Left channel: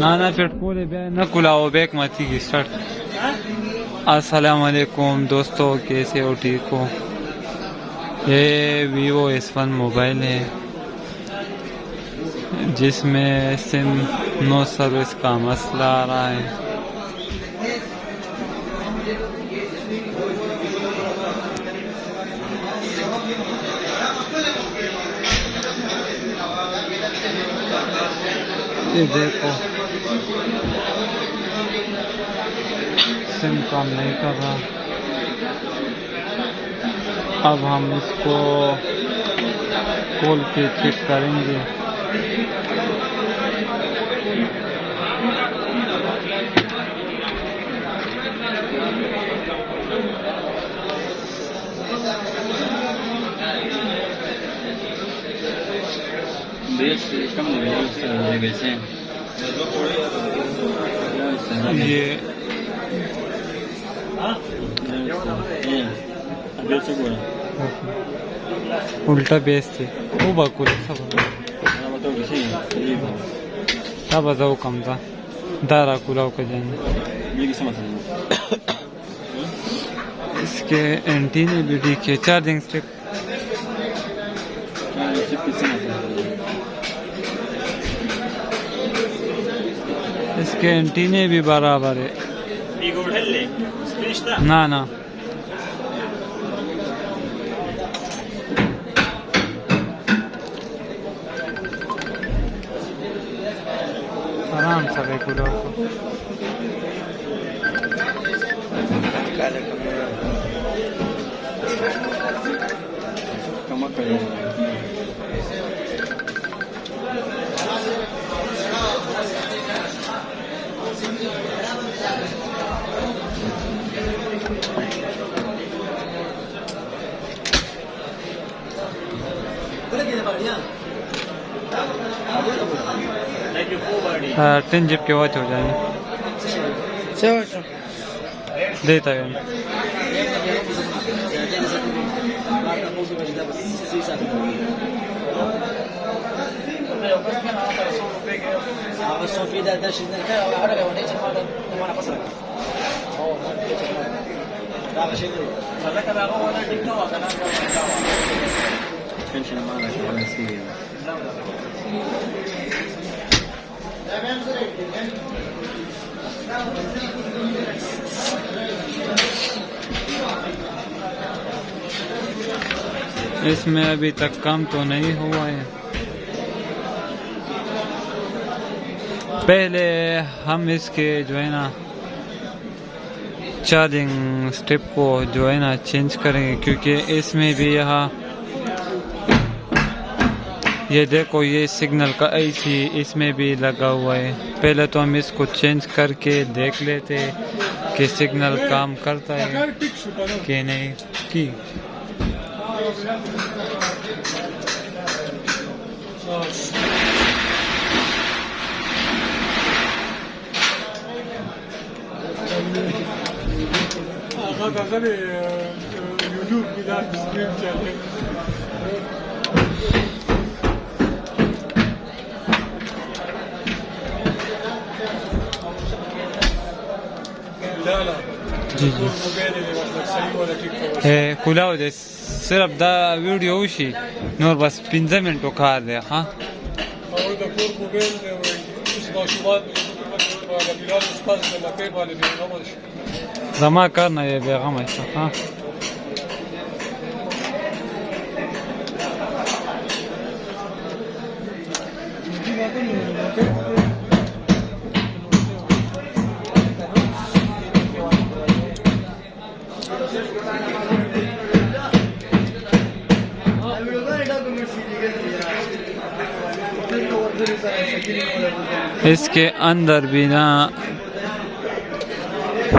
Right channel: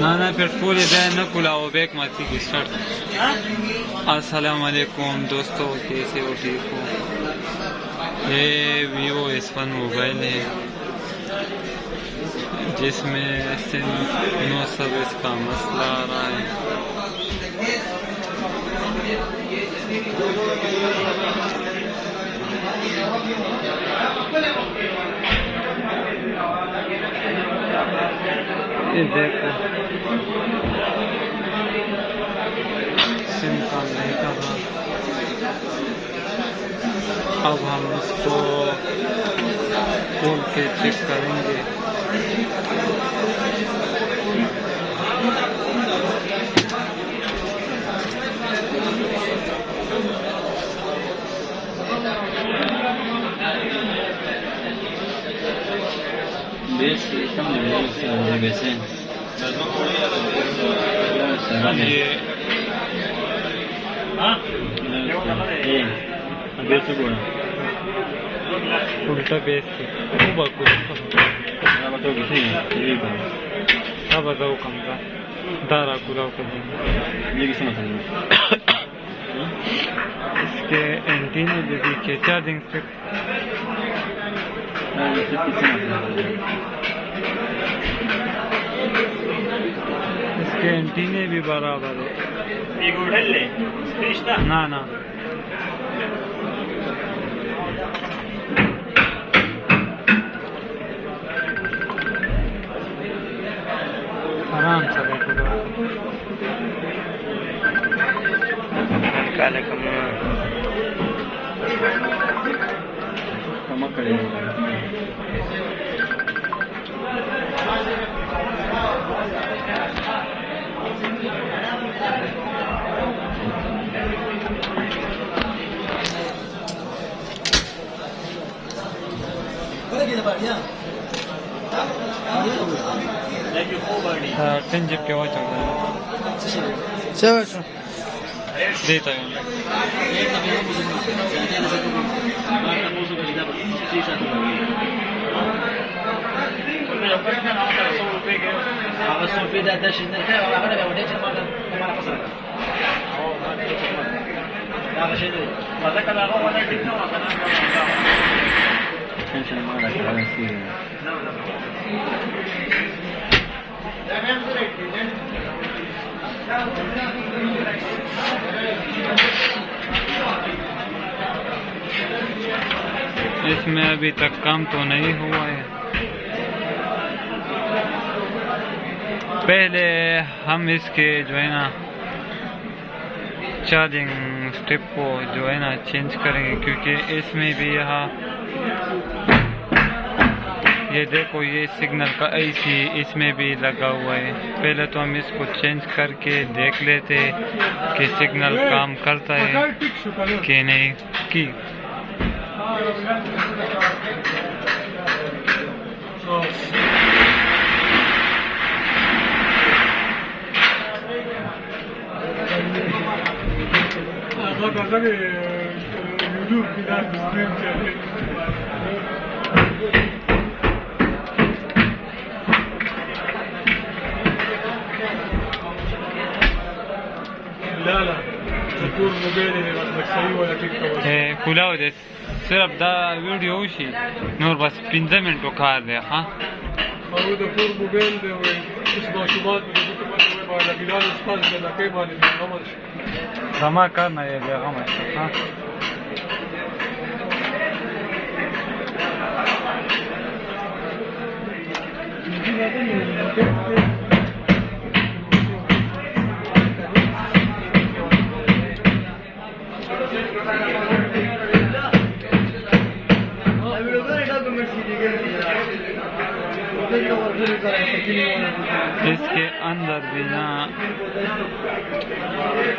ना पेट्रोल है न कुलाओ बैक माती की स्टार्ट। अस्सलाम वालेकुम दोस्तों, कैसे हो? ठीक हो? ये वीवो S1 मोबाइल है जिसमें सिम नो सर्विस का मसला आ रहा है। ये देखो सिम काम नहीं कर रहा। अब हम इसको खोल के चेक करेंगे। ये उल्टा बेचते अब जाऊ कम था दारा कुलाव के इसके एंटीने भी दिखे, चार्जिंग स्ट्रिप इसके एंटीने भी बराबर है। ना ना आराम से बैठो काले टेन जिप के वॉच हो जाएगा देता है इसमें अभी तक काम तो नहीं हुआ है। पहले हम इसके जो है ना चार्जिंग स्ट्रिप को जो है ना चेंज करेंगे, क्योंकि इसमें भी यहाँ ये देखो ये सिग्नल का ऐसी इसमें भी लगा हुआ है। पहले तो हम इसको चेंज करके देख लेते कि सिग्नल काम करता है कि नहीं की। खुला हो जाए सिर्फ दा वीडियो उसी नूर बस 15 मिनट खा दे। हाँ जमा करना ये बेगम है। इसके अंदर भी ना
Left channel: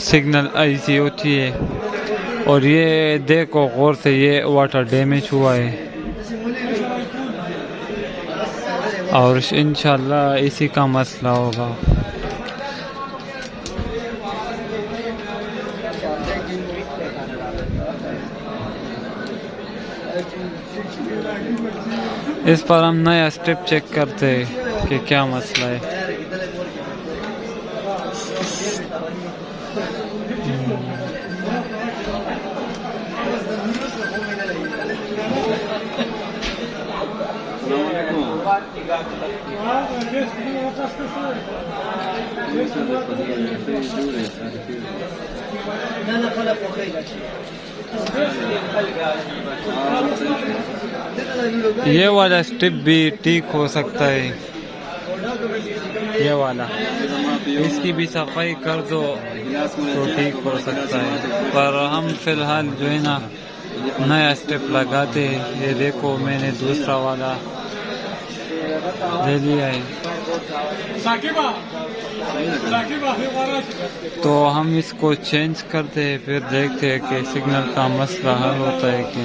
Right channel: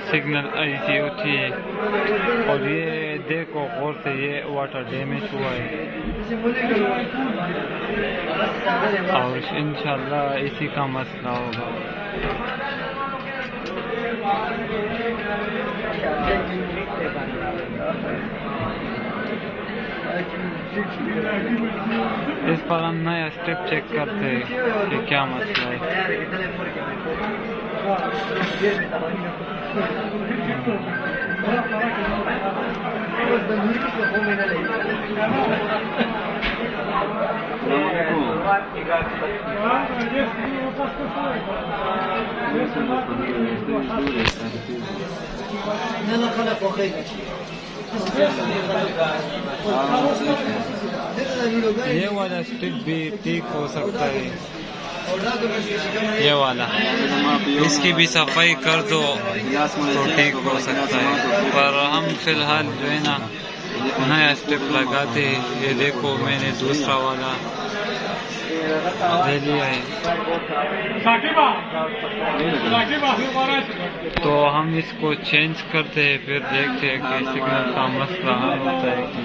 सिग्नल ऐसी होती है। और ये देखो गौर से, ये वाटर डैमेज हुआ है और इंशाल्लाह इसी का मसला होगा। इस पर हम नया स्टेप चेक करते हैं कि क्या मसला है। ये वाला स्ट्रिप भी ठीक हो सकता है, ये वाला, इसकी भी सफाई कर दो तो ठीक हो सकता है। पर हम फिलहाल जो है ना नया स्ट्रिप लगाते हैं। ये देखो मैंने दूसरा वाला ले लिया है, तो हम इसको चेंज करते हैं, फिर देखते हैं कि सिग्नल का मसला हल होता है कि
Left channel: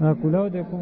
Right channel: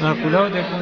हाँ खुलाओ देखो।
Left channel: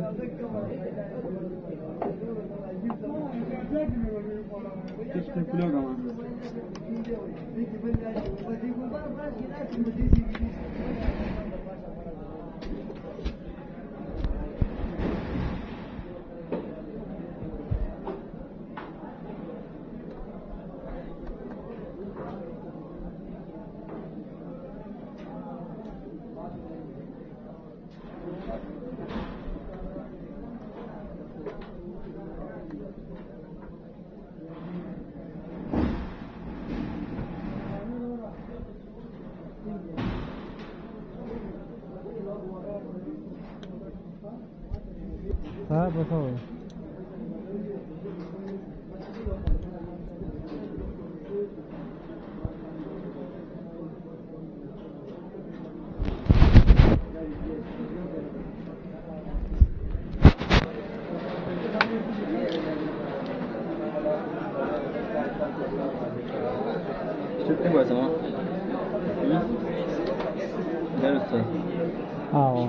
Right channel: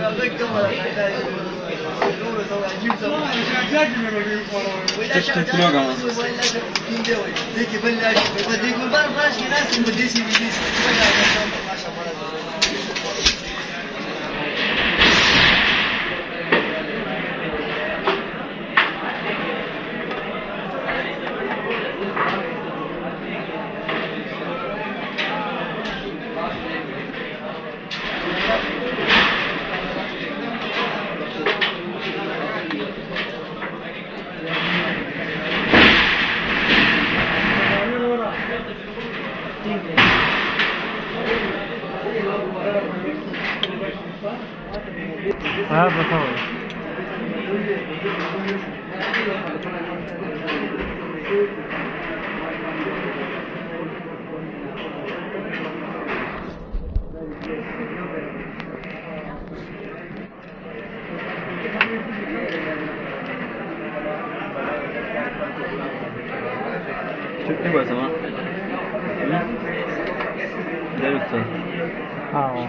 हाँ बताओ। Çok mu var zaman? Evet. हाँ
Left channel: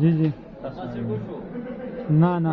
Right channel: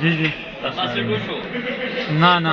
जी जी ना ना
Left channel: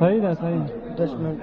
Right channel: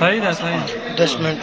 सही था सही 10 मिनट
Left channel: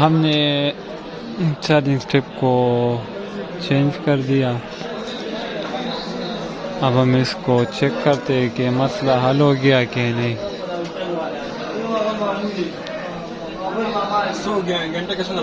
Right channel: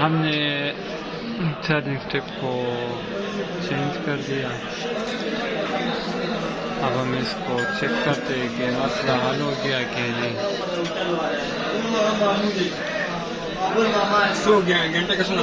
हमने चार्जिंग स्टेप को चेंज कर दिया। अब हम इसको चेक करते हैं कि मसला हल हो गया कि नहीं। सो गया घंटे का सुना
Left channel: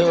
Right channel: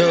यो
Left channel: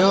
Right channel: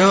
यो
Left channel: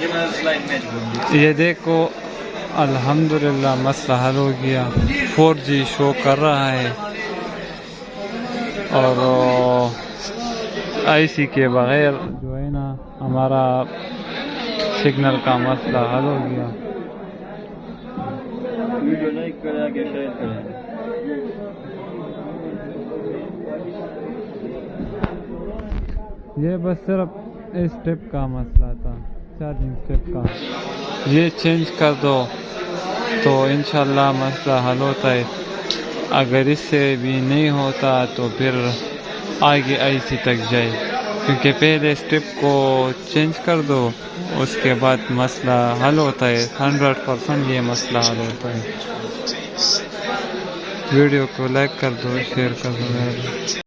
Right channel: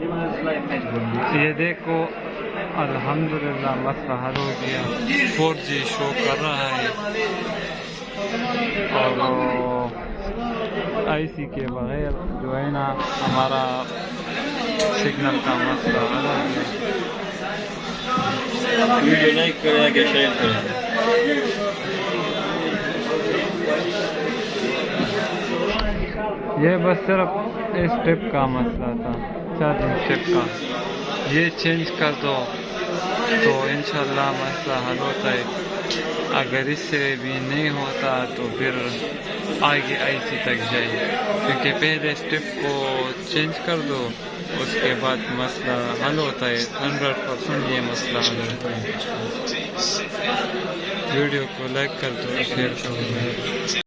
ये मैं स्लाइड मैच बोल ये देखो अल्हम्दुलिल्लाह मसला हल हो गया। 4G शो कर रहा है और आईसी के बगैर जो है ना हमारा सिग्नल का मसला हल हो गया। वीडियो लाइक करें या शेयर करें। ये बस सिर्फ इस स्टेप का मसला था, चार्जिंग स्टेप का। ये चेंज कर दो तो इंशाल्लाह मसला हल होता है। अगर इससे भी नहीं होता तो फिर आगे आईसी तक जाए, क्योंकि पहले स्टेप को चेंज कर दो उसके बाद मसला हल होता है। 100% ये मसला हल होता है। वीडियो को लाइक कर दो, शेयर कर दो।